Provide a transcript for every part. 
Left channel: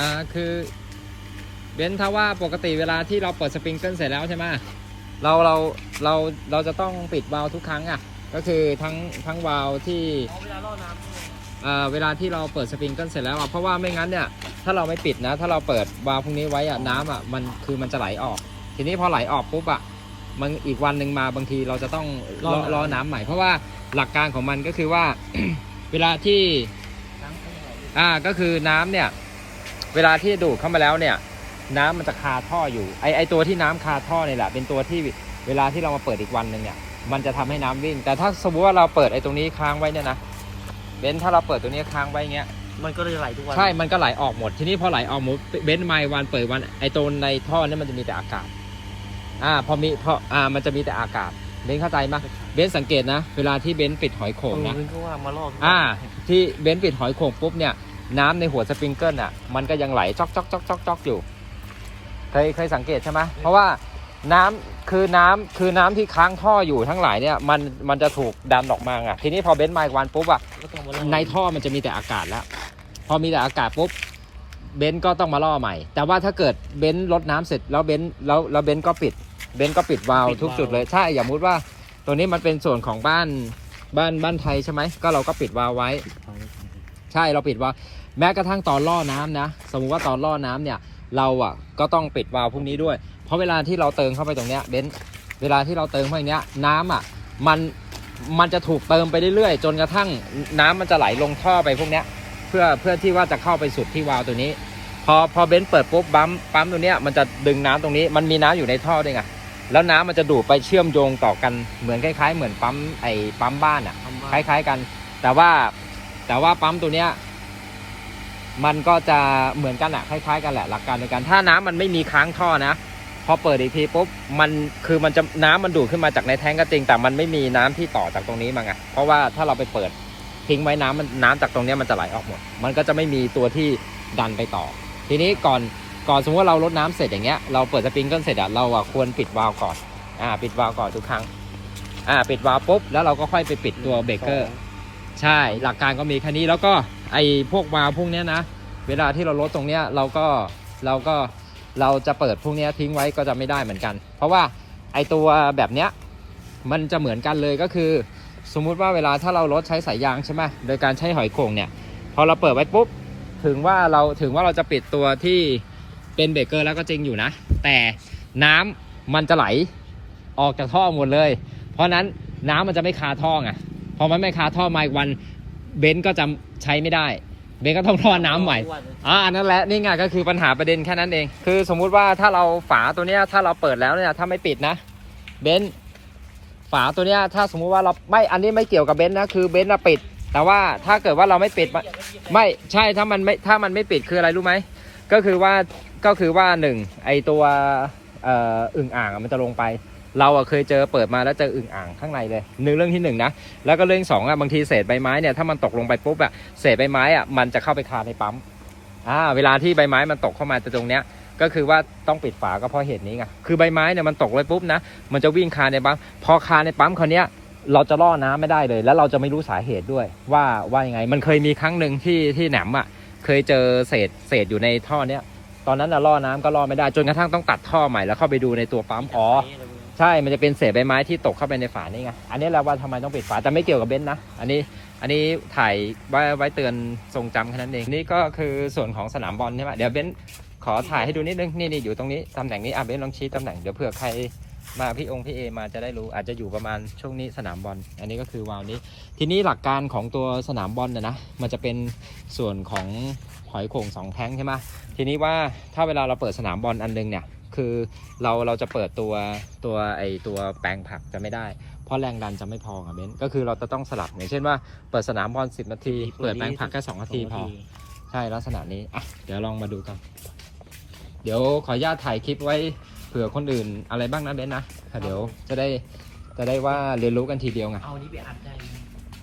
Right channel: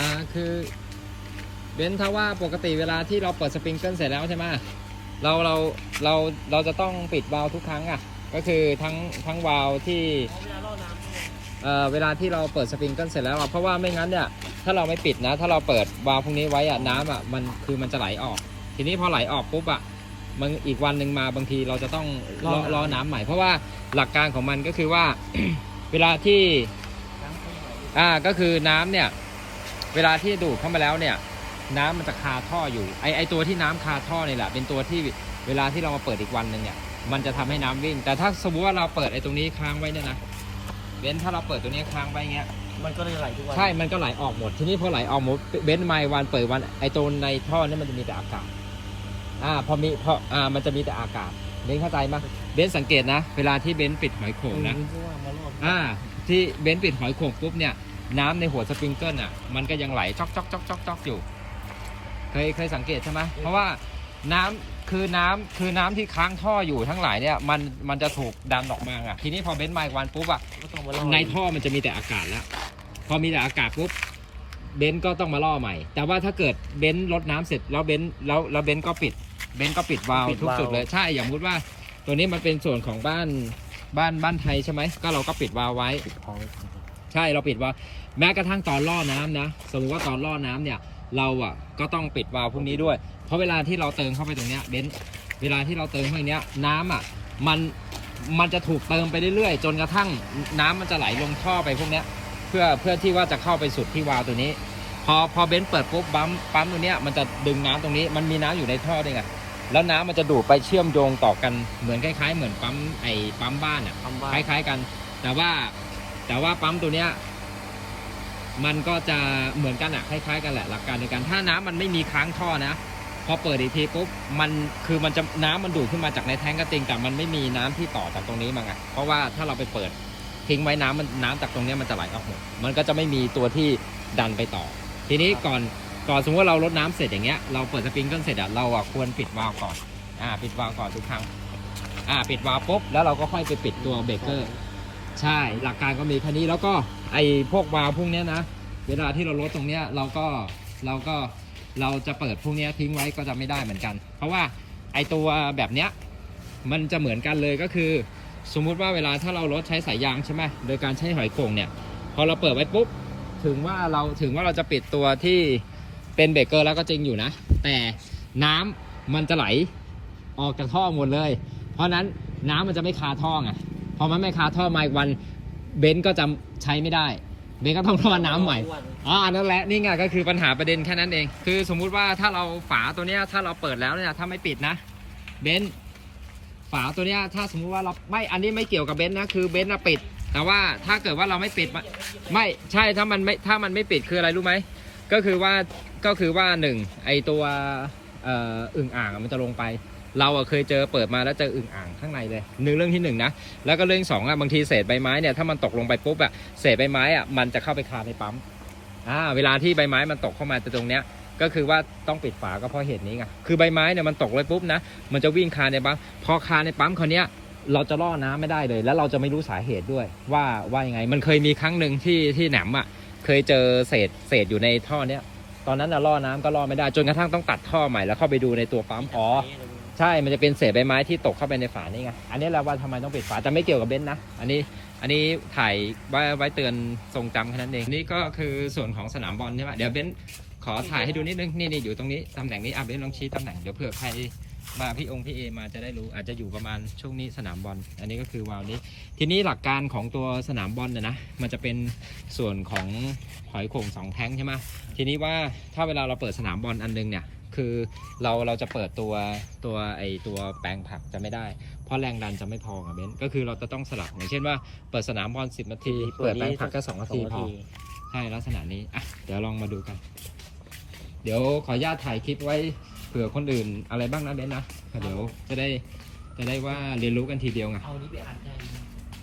อ่าคือเบนซ์ถ้าว่าปกติเวลาที่เราเปิดสปริงเกิลเสร็จแล้วใช่ไหมเราเราเราเราจะต้องปิดวาล์วทุกครั้งอะ ก็คือทั้งทั้งวาล์วที่เอาเวลาล่อน้ำเนี่ยเอ่อเวลาที่เราเปิดสปริงเกิลเสร็จแล้วอะเพราะว่าไม่งั้นเนี่ยถ้าเราไม่ปิดนะ ถ้าเราเปิดวาล์วพวกนี้ไว้อะน้ำอะมันคือมันจะไหลออก ทีนี้พอไหลออกปุ๊บอะมันอีกวันหนึ่งมาบางทีเราจะต้องรอรอน้ำใหม่ เพราะว่าหลักการของมันก็คือว่า เวลาที่น้ำเข้ามาอ่าก็คือน้ำเนี่ย เวลาที่ดูดเข้ามาแล้วเนี่ย น้ำมันจะคาท่ออยู่ไอไอตัวที่น้ำคาท่อเนี่ยแหละ เป็นตัวที่เวลาที่เรามาเปิดอีกวันหนึ่งเนี่ยมันจะทำให้น้ำวิ่ง แต่ถ้าสมมติว่าเราเปิดไอตรงนี้ค้างไว้เนี่ยนะเบนซ์ถ้าเราเปิดตัวนี้ค้างไว้อย่างเงี้ยมันก็เลยไหลทุกวัน ใช่ มันก็ไหลออกหมด ทีนี้พอไหลออกหมด เบนซ์ไมล์วันเปิดวัน ไอตัวในท่อเนี่ยมันจะมีแต่อากาศ อ่า พอมีพออ่า มันจะมีแต่อากาศ เบนซ์เข้าใจมั้ยเบนซ์สังเกตนะ เวลาที่เบนซ์ปิดหอยโข่งนะเพราะว่ามาล่อทุกวันอ่า ที่เบนซ์ปิดหอยโข่งปุ๊บเนี่ย น้ำในหัวสปริงเกิลอะ มันก็ยังไหลจอกจอกจอกจอกจอกอยู่ เคยเคยสังเกตใช่ไหมเพราะว่าน้ำคือน้ำคือน้ำที่ค้างท่ออยู่ทั้งหลายเนี่ยมันมันจะถูกดันออกมาไงทีนี้พอเบนซ์ไมล์วันปุ๊บอะก็ต้องมาล่อในท่อมันจะมีแต่อากาศแล้ว พอมีแต่อากาศปุ๊บเบนซ์ก็ต้องมาล่อใหม่ แต่ว่าถ้าเกิดเบนซ์ลดน้ำเสร็จแล้วเบนซ์แล้วแล้วเบนซ์ก็ปิด เบนซ์ก็ปิดวาล์วทุกจุดเลยใช่อย่างมุติว่า ตัวนี้มันเป็นส่วนของบ้านบ้านบ้านไทยใช่ไหมก็เราก็ปิดวาล์วไว้ ใช่เราปิดวาล์วแม้กระทั่งตอนล่อน้ำนะ สมมุติว่าตอนล่อน้ำเนี่ย เราอะก็ต้องปิดวาล์วพวกนี้ด้วย เพราะเวลาที่เราเติมเข้าไปตรงเนี้ยเบนซ์เวลาที่เราเติมเข้าไปเนี้ยน้ำอะมันมันจะถูกเติมไปเรื่อยๆ จนกระทั่งน้ำมันจะไหลลงท่อไปพวกเนี้ยเพื่อเพื่อที่ว่าจะเข้าไปสุดที่วาล์วตัวนี้ พอพอเบนซ์เปิดปุ๊บปั๊มปั๊มตัวเนี้ยมันจะดึงน้ำตรงนี้ มันมีน้ำอยู่ในท่อด้วยไงแล้วน้ำมันจะดูดไปเชื่อมโยงต่อกันเหมือนคล้าย ๆ เหมือนปั๊มไอ้ปั๊มบ้านอะทำคบ้านล้าย ๆกัน แต่ว่า แต่ว่าปั๊มตัวเนี้ยมันก็จะเหมือนกันอะคล้ายๆกันแหละหลักการในการถ้าน้ำมันไม่มีค้างท่อนะพอเปิดอีกทีปุ๊บมันคือมันจะน้ำมันดูดขึ้นมาจากในแท้งก็จริงแต่มันไม่มีน้ำที่ต่อจากตรงนี้มาไงเพราะว่าถ้าเราไปเปิดทิ้งไว้น้ำมันน้ำจากตรงนี้มันจะไหลออกหมดมันก็จะไม่มีตัวที่ดันไปต่อ ทีนี้ก่อนก่อนสมมติว่าเราลดน้ำเสร็จอย่างเงี้ยเราเปิดสปริงเกิลเสร็จอะเราอะควรปิดวาล์วก่อนอ่าปิดวาล์วก่อนทุกครั้งอ่าปิดวาล์วปุ๊บแล้วเราก็ค่อยไปปิดตัวเบรกเกอร์ ใช่หลักการก็มีแค่นี้แล้วก็ไอ้พวกวาล์วพวกเนี้ยนะ เวลาที่เราลดตรงเนี้ยเราก็เราก็เราจะเปิดพวกเนี้ยทิ้งไว้ก็จะไม่ได้เหมือนกัน เพราะว่าไอ้ตัวแบบเนี้ยมันจะเหมือนกันเลยก็คือ สมมุติว่าเวลาถ้าเราลดใช้สายยางใช่ไหมโดยการใช้หอยโข่งเนี่ยพอเราเปิดไว้ปุ๊บถึงว่าเราถึงว่าเราจะปิดตัวที่เป็นเบรกเกอร์แล้วก็จริงอยู่นะ แต่น้ำมันจะไหลออกจากท่อหมดเลย เพราะฉะนั้นน้ำมันจะไม่คาท่อไง พอมันไม่คาท่อมาอีกวันเบนซ์ก็จะใช้ไม่ได้ เบนซ์ก็ต้องรอน้ำใหม่อ่านั่นแหละนี่ไงก็คือปัญหาประเด็นแค่นั้นเอง คือสมมุติว่าถ้าเราฝาตัวเนี้ยถ้าเราเปิดแล้วเนี่ยถ้าไม่ปิดนะเบนซ์ฝาตัวเนี้ยถ้าสมมุติว่าเราไม่อันนี้ไม่เกี่ยวกับเบนซ์นะคือเบนซ์น่ะปิด แต่ว่าถ้าเกิดว่าเราไม่ปิดมันไม่ใช่ถ้ามันไม่ถ้ามันไม่ปิดคืออะไรรู้ไหมก็คือว่าก็คือว่าหนึ่งไอตัวเอ่ออึ่งอ่างอะมันจะลงไป เราอะเคยเจอเปิดมาแล้วเจออึ่งอ่างข้างในเลยหนึ่งเรื่องที่หนึ่งนะแล้วก็เรื่องสองอะบางทีเศษใบไม้เนี่ยถ้ามันตกลงไปปุ๊บอะเศษใบไม้อะมันจะเข้าไปคาในปั๊มอ่าเวลาที่ใบไม้มันตกเข้ามาตรงเนี้ยก็คือว่าต้องปิดฝาก็เพราะเหตุนี้ไงคือใบไม้เนี่ยมันตกเลยปุ๊บนะมันจะวิ่งคาในปั๊มพอคาในปั๊มคราวเนี้ยเราจะล่อน้ำไม่ได้เลย แล้วเราจะไม่รู้สาเหตุด้วย ว่าว่ายังไง มันเคยมีครั้งหนึ่งที่ที่แหนมอะเคยเจอเศษเศษอยู่ในท่อเนี้ยตอนนั้นล่อน้ำก็ล่อไม่ได้จนกระทั่งต้องตัดท่อใหม่แล้วเข้าไปดูในตัวปั๊มอ๋อ ใช่ มันจะเป็นเศษใบไม้ที่ตกเข้าไปในฝานี่ไง อันนี้แหละว่าทำไมต้องปิดฝาแต่ไม่เกี่ยวกับเบนซ์นะ อันนี้ อันนี้ถ่ายไว้ไว้เตือนทรงจำแค่นั้นเอง นี่ก็คือส่วนของสนามบอลใช่ไหมเดี๋ยวเบนซ์ขอถ่ายให้ดูนิดนึง นี่นี่อยู่ตรงนี้ ตำแหน่งนี้ อะเบนซ์ลองชี้ตำแหน่ง เดี๋ยวเผื่อใครมาพี่องค์พี่เอมาจะได้รู้ อาจจะอยู่ประมาณช่วงนี้สนามบอล อันนี้ก็คือวาล์วนี้ ทีนี้หลักการของตัวสนามบอลเนี่ยนะ มันจะเป็นส่วนของหอยโข่งสองแท้งใช่ไหมทีนี้ว่าถ้าเวลาเราเปิดสนามบอลอันนึงเนี่ย คือเราเราจะเปิดตัวตัวไอตัวแปลงผักจะไม่ได้ เพราะแรงดันจะไม่พอกับเบนซ์ก็คือเราจะต้องสลับอย่างเช่นว่าเปิดสนามบอล10 นาที เปิดแปลงผักแค่2นาทีพอใช่ลักษณะนี้อะเดี๋ยวลองมาดูกัน เดี๋ยวขออนุญาตถ่ายคลิปไว้เผื่อคนอื่นอะไรบ้างนะเบนซ์นะอะเดี๋ยวจะได้จะได้ว่าเรียนรู้กันทีเดียวไงเอานี้ไปอัดได้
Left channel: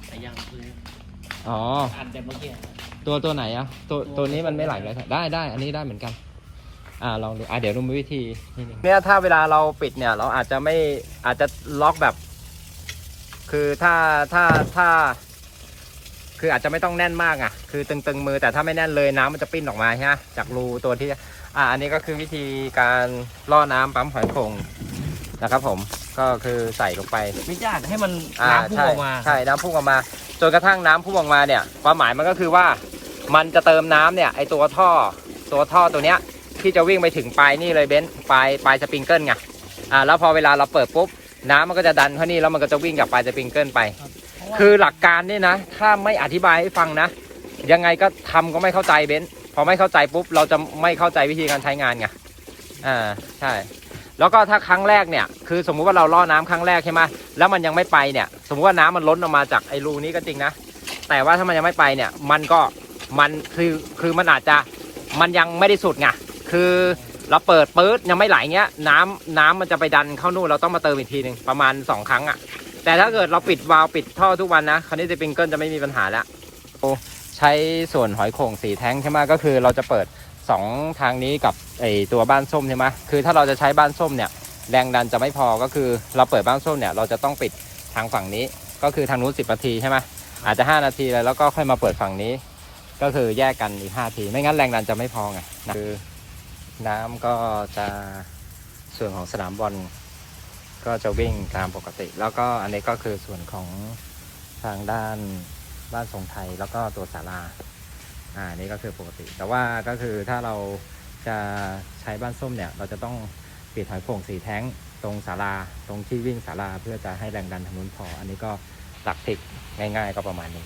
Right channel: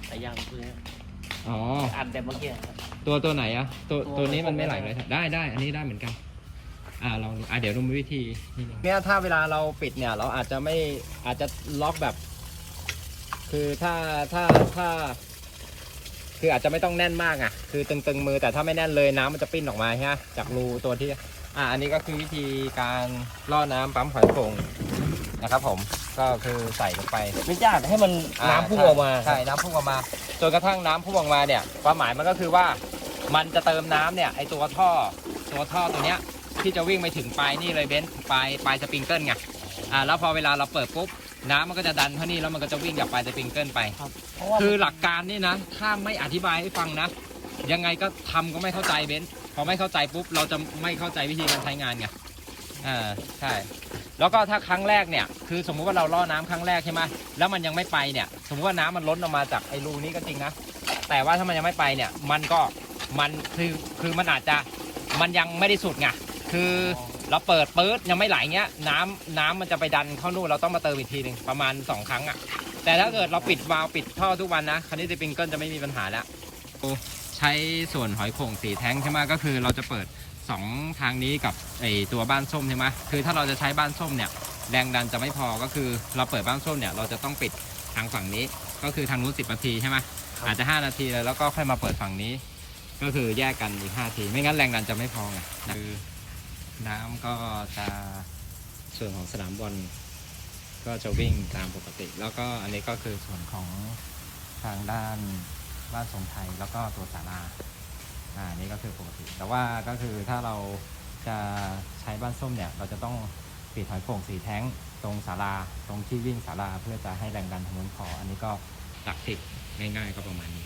แต่ยังคืออ๋ออัดแต่เมื่อกี้ตัวตัวไหนอะตัวตัวตัวนี้มันไม่ไหลเลยได้ได้อันนี้ได้เหมือนกัน อ่าลองดูอะเดี๋ยวดูวิธีเนี่ยถ้าเวลาเราปิดเนี่ย เราอาจจะไม่อาจจะล็อกแบบ คือถ้าถ้าถ้า คืออาจจะไม่ต้องแน่นมากอะ คือตึงๆมือแต่ถ้าไม่แน่นเลยน้ำมันจะปิ้นออกมาใช่ไหมจากรูตัวที่ อ่า อันนี้ก็คือวิธีการล่อน้ำปั๊มหอยโข่งนะครับ ผมก็คือใส่ลงไป ไม่ยากให้มันน้ำพุ่งออกมา ใช่น้ำพุ่งออกมา จนกระทั่งน้ำพุ่งออกมาเนี่ย ความหมายมันก็คือว่า มันจะเติมน้ำเนี่ย ไอตัวท่อ ตัวท่อตัวเนี้ย ที่จะวิ่งไปถึงปลายนี่เลยเบนซ์ปลายปลายสปริงเกิลไงอ่าแล้วพอเวลาเราเปิดปุ๊บน้ำมันก็จะดันเข้านี่แล้วมันก็จะวิ่งกับปลายสปริงเกิลไป คือหลักการนี่นะ ถ้าไม่อธิบายให้ฟังนะ ยังไงก็ทำก็ไม่เข้าใจเบนซ์พอไม่เข้าใจปุ๊บเราจะไม่เข้าใจวิธีการใช้งานไงอ่าใช่ แล้วก็ถ้าครั้งแรกเนี่ย คือสมมุติว่าเราล่อน้ำครั้งแรกใช่ไหมแล้วมันยังไม่ไปเนี่ย สมมติว่าน้ำมันล้นออกมาจากไอ้รูนี้ก็จริงนะแต่ว่าถ้ามันยังไม่ไปเนี่ย มันก็มันคือคือมันอาจจะมันยังไม่ได้สุดไง คือเราเปิดปื๊ดยังไม่ไหลเงี้ย น้ำน้ำมันจะไปดันเข้านู่นเราต้องมาเติมอีกทีหนึ่งประมาณสองครั้งอะ แต่ถ้าเกิดเราปิดวาล์วปิดท่อทุกวันนะคันนี้จะปิงเกิลจะไม่มีปัญหาแล้วโอ้ใช้ส่วนหอยโข่งสีแท้งใช่ไหมก็คือเราจะเปิดสองทางนี้กับไอตัวบ้านส้มใช่ไหมคือถ้าเราจะใช้บ้านส้มเนี่ยแรงดันจะไม่พอก็คือเราเปิดบ้านส้มเนี่ยเราจะต้องปิดทางฝั่งนี้ ก็คือทางนู้นสิบนาทีใช่ไหมอาจจะห้านาทีเลยแล้วก็ค่อยมาเปิดฝั่งนี้ ก็คือแยกกันอีกห้าทีไม่งั้นแรงดันจะไม่พอไงคือ น้ำก็จะส่วนของสนามบอลก็จะวิ่งตามปกติ แล้วก็อันนี้ก็คือส่วนของทางด้านบ้านทรงไทยแล้วก็ตัวศาลาอ่านี่ก็คือปกติ แต่ว่าก็คือถ้าเราจะใช้บ้านส้มเนี่ย เราจะต้องปิดหอยโข่งสีแท้งตรงศาลาตรงที่วิ่งศาลาเพื่อจะให้แรงดันทางนู้นพออันนี้ก็หลักสิบง่าย ๆ ก็ประมาณนี้